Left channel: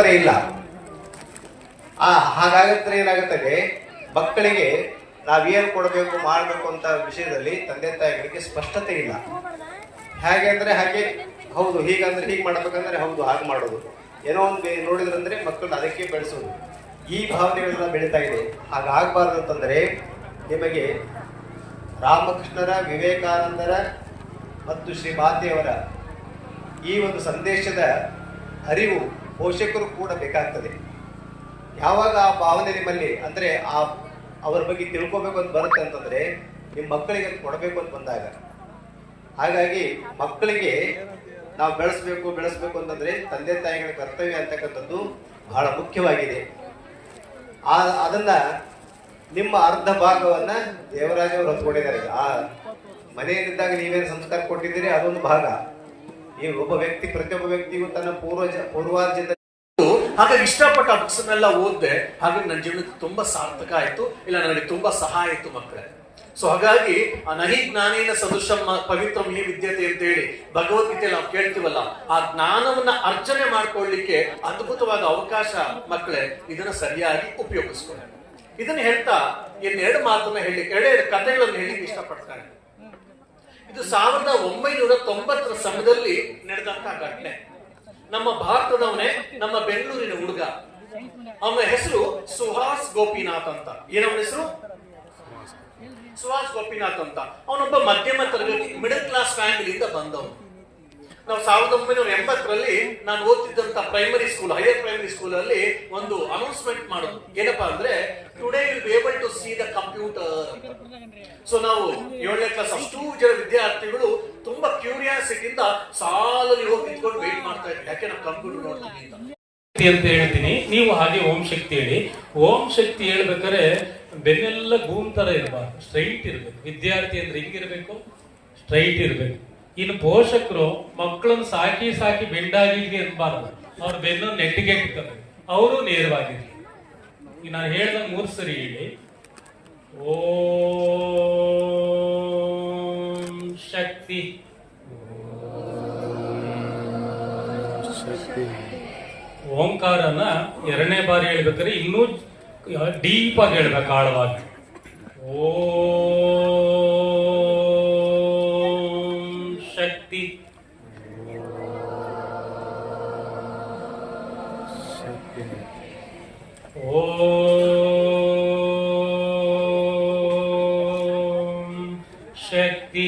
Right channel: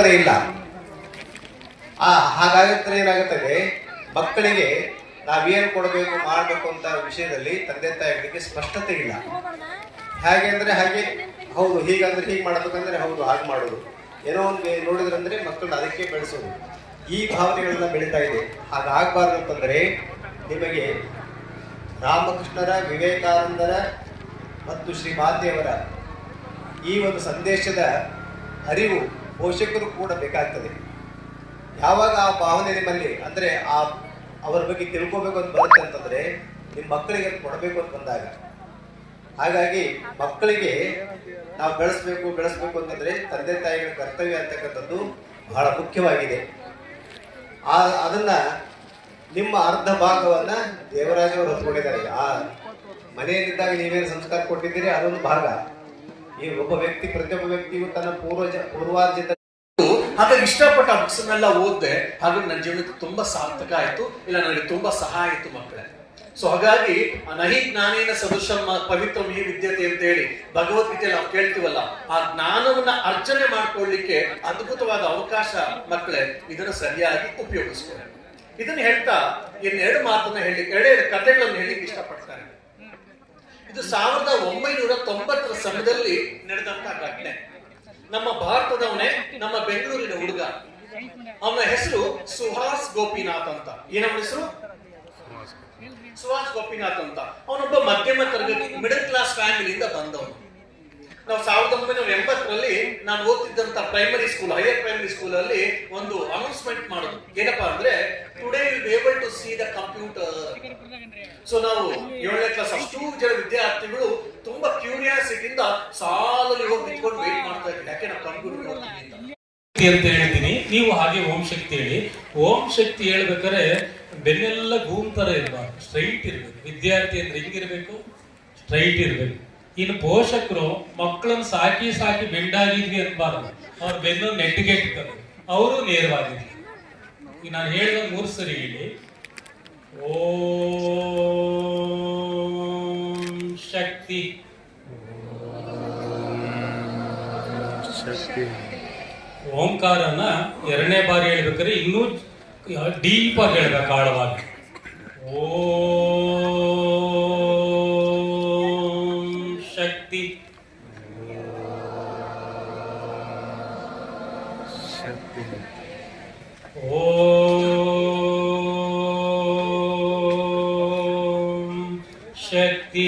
ಪರಂಪರೆ ಇಲ್ಲ. ಹಾಗಾಗುತ್ತೆ ಏನಾಗುತ್ತದೆ, ಮಕ್ಕಳಿಗೆ ನಾವೇನು ಕೊಡಬೇಕು ಮಾಡಬೇಕು ಅಂತ ವಿಷಯದಲ್ಲಿ ತಂದೆ ತಾಯಿಗಳಿಗೆ ಸ್ಪಷ್ಟತೆ ಇಲ್ಲ. ಹೇಗೆ ಅಂದ್ರೆ ಹಾಗೆ, ಹೌದು ಹೀಗಂದ್ರೆ ಹೀಗೆ ಮಾಡ್ಬೇಕಂದ್ರೆ ಹೌದು ಹಾಗೆ ಮಾಡೋದು, ಏನೋ ಒಂದು ನೋಡಿದ್ರಂದ್ರೆ ಮಕ್ಕಳು ಅದಕ್ಕೆ ಬೆಳೆಸೋದು, ಈ ಭಾವನೆಗಳನ್ನ ಬೆಳೀತಾ ಇದೆ. ಹಾಗಾಗಬಾರ್ದು ಅಂತಂದ್ರೆ ನಿಮಗೆ ರಾಮಕೃಷ್ಣರ, ವಿವೇಕಾನಂದರ ಮತ್ತು ಶ್ರೀ ಮಾತೆಯವರ ಈ ಒಂದು ಸಂದೇಶದ ಅರಿವು ಪೋಷಕರು ಕೂಡ ಬೇಕಾಗ್ತದೆ. ಯಾವಾಗ ಆ ಭಾವನೆ ನಿಮ್ಮಲ್ಲಿ ಅಂದ್ರೆ ಅವರ ಬಗ್ಗೆ ತಿಳ್ಕೋಬೇಕು ಅಂತ ಬರುತ್ತೆ ಅಂತಂದ್ರೆ ನಿಮ್ಮ ಮಕ್ಕಳಿಗೆ ಕೊಡಬೇಕು ಅಂತ ಬಂದಾಗ. ಹಾಗಾಗಿ ಮಕ್ಕಳಿಗೆ ನಾವು ಬೆಳೆಸ್ಬೇಕು ಅಂತಂದ್ರೆ ತಂದೆ ತಾಯಿಗಳ ಕರ್ತವ್ಯ ಅಂತಕ್ಕಂಥದ್ದು ಬಹಳ ಮುಖ್ಯವಾಗಿದೆ. ಅದನ್ನ ನಿಮ್ಮ ಅರ್ಧ ಭಾಗವನ್ನ ದೇವರಾಜ ಅವರು ಹೊತ್ಕೊಂಡಿದ್ದಾರೆ. ಆ ಮನೆಯಲ್ಲಿದ್ದಾಗ ನೀವೇನು ಸಂಸ್ಕಾರ ಕೊಟ್ಟಿದ್ದೀರಿ ಅದೊಂದು ಭಾಗ. ಈ ಪ್ರತಿಯೊಬ್ಬ ವ್ಯಕ್ತಿಗೂ ತನ್ನ ಪೂರ್ವಾರ್ಜಿತ. ಹಾಗಾಗಿ ಇಷ್ಟಪಟ್ಟ ಆ ಬುಕ್ಸ್ನೆಲ್ಲ ಓದಿದೆ. ಹಾಗಾಗಿ ನನ್ನ ಜೀವನಕ್ಕೆ ತುಂಬಾ ಸಾರ್ಥಕ ಆಯ್ತು, ಇಲ್ಲ ನನಗೆ ತುಂಬಾ ಸಹಾಯ ಆಯ್ತು ಮಕ್ಕಳೇ. ಸೊ ಹಾಗಾಗಿ ನಹಿ ಜ್ಞಾನೇನ ಸದೃಶಂ ಪವಿತ್ರಂ ಹಿ ವಿದ್ಯತೆ ಅಂತ ಹೇಳಿ ಭಗವದ್ಗೀತೆಯಲ್ಲಿ ನಾವು ಕೇಳ್ತೀವಲ್ಲ, ಆ ಜ್ಞಾನವನ್ನ ಅರ್ಜನೆ ಮಾಡ್ಕೊಳ್ಳಿಕ್ಕೆ ಅದ್ಭುತವಾದ ಅವಕಾಶ ಮಕ್ಕಳೇ. ಇದನ್ನ ಸರಿಯಾಗಿ ಉಪಯೋಗಿಸ್ಕೊಳ್ಳಿ. ಇದನ್ನ ಹೇಳ್ತಾ ಇನ್ನೆರಡು ಮಾತನ್ನ ಹೇಳಿ, ಎರಡೆರಡು ಕಥೆಗಳನ್ನು ಹೇಳಿ ಇಷ್ಟಪಡ್ತಾರೆ. ಇದು 1990ರ ಸಮಯದಲ್ಲಿ ನಡೆದಂತಹ ಘಟನೆ. ನಮ್ಮ ಭಾರತದವನೇ, ನಮ್ಮ ಬೆಂಗಳೂರಿನ ಹುಡುಗ. ಅವನ ಹೆಸರು ಸುಹಾಸ್ ಗೋಪಿನಾಥ್ ಅಂತ. ಏನವನ ಹೆಸರು? ಸುಹಾಸ್ ಗೋಪಿನಾಥ್ ಅಂತ. ಅವನೊಬ್ಬ ಮಧ್ಯಮ ತರಗತಿ ಮಿಡಲ್ ಕ್ಲಾಸ್ ಫ್ಯಾಮಿಲಿಯಿಂದ ಬಂದವನು. ನಾವು 1980ರಲ್ಲಿ ನಾನು ಓದ್ತಿದ್ದಂತ primary school, higher primary school ಅಲ್ಲಿ ಒಂದು ಅನೌನ್ಸ್ಮೆಂಟ್ ಮಾಡೋದು. ಏನಪ್ಪಾ ಅಂದ್ರೆ, today will be able to see the computer. So ನಾವು 7ನೇ ಕ್ಲಾಸ್ ಅಷ್ಟು ಜನ ವಿದ್ಯಾರ್ಥಿಗಳು ತುಂಬಾ ಕ್ಯೂರಿಯಾಸಿಟಿಯಿಂದ ಸಾಲಲ್ಲಿ ಹೋಗಿ ನಿಂತ್ಕೊಂಡು ವೇಟ್ ಮಾಡ್ತಾ ಇದ್ವಿ, ಯಾಕೆ ನಾವು ಕಂಪ್ಯೂಟರ್ ನೋಡ್ತೀವಿ ಅಂತ ಹೇಳ್ತೀನಿ. ನೀವು ಹಾಗೆ ಓಂ ಶಕ್ತಿ ಹೇಳಿ. ಓಂ ಶಕ್ತಿ ಹೇಳ್ಬೇಕಾದ್ರೆ ಬೆನ್ನೆಲ್ಲ ಗೂಮ್ ತರ ಇರಬಾರ್ದು, ಸ್ಟ್ರೈಟ್ ಇರ್ಬೇಕು. ವಿದ್ಯಾರ್ಥಿ ಅಂದ್ರೆ ಹಿಂಗಿರ್ಬೇಕು, ಸ್ಟ್ರೈಟ್ ಇರ್ಬೇಕು. ಇನ್ನು ಪೋಷಕರು ಮಕ್ಕಳನ್ನ ಸಾಕಿ ಬೆಂಡಾಗಿದ್ವಿ ಇರಬಾರ್ದು, ಅವ್ರ ಬೆನ್ನು ನೆಟ್ಟಿಗೆ ಇಟ್ತಾರೆ, ಅವರು ನೇರವಾಗಿರ್ಲಿ. ಈಗ ನಾನು ಹೇಳಿದ 3 ಸರಿ ಹೇಳಿ. ಓಂ ಶಕ್ತಿ. ಓಂಕಾರನ 2ನೇ ಬಾರಿ ಹೇಳ್ಬೇಕಾದ್ರೆ ಇನ್ನೂ ಡೀಪ್ ಆಗಿ ಹೇಳ್ಬೇಕು, ಆಳವಾಗಿ. ಓಂ ಶಕ್ತಿ. ಓಂ ಶಕ್ತಿ.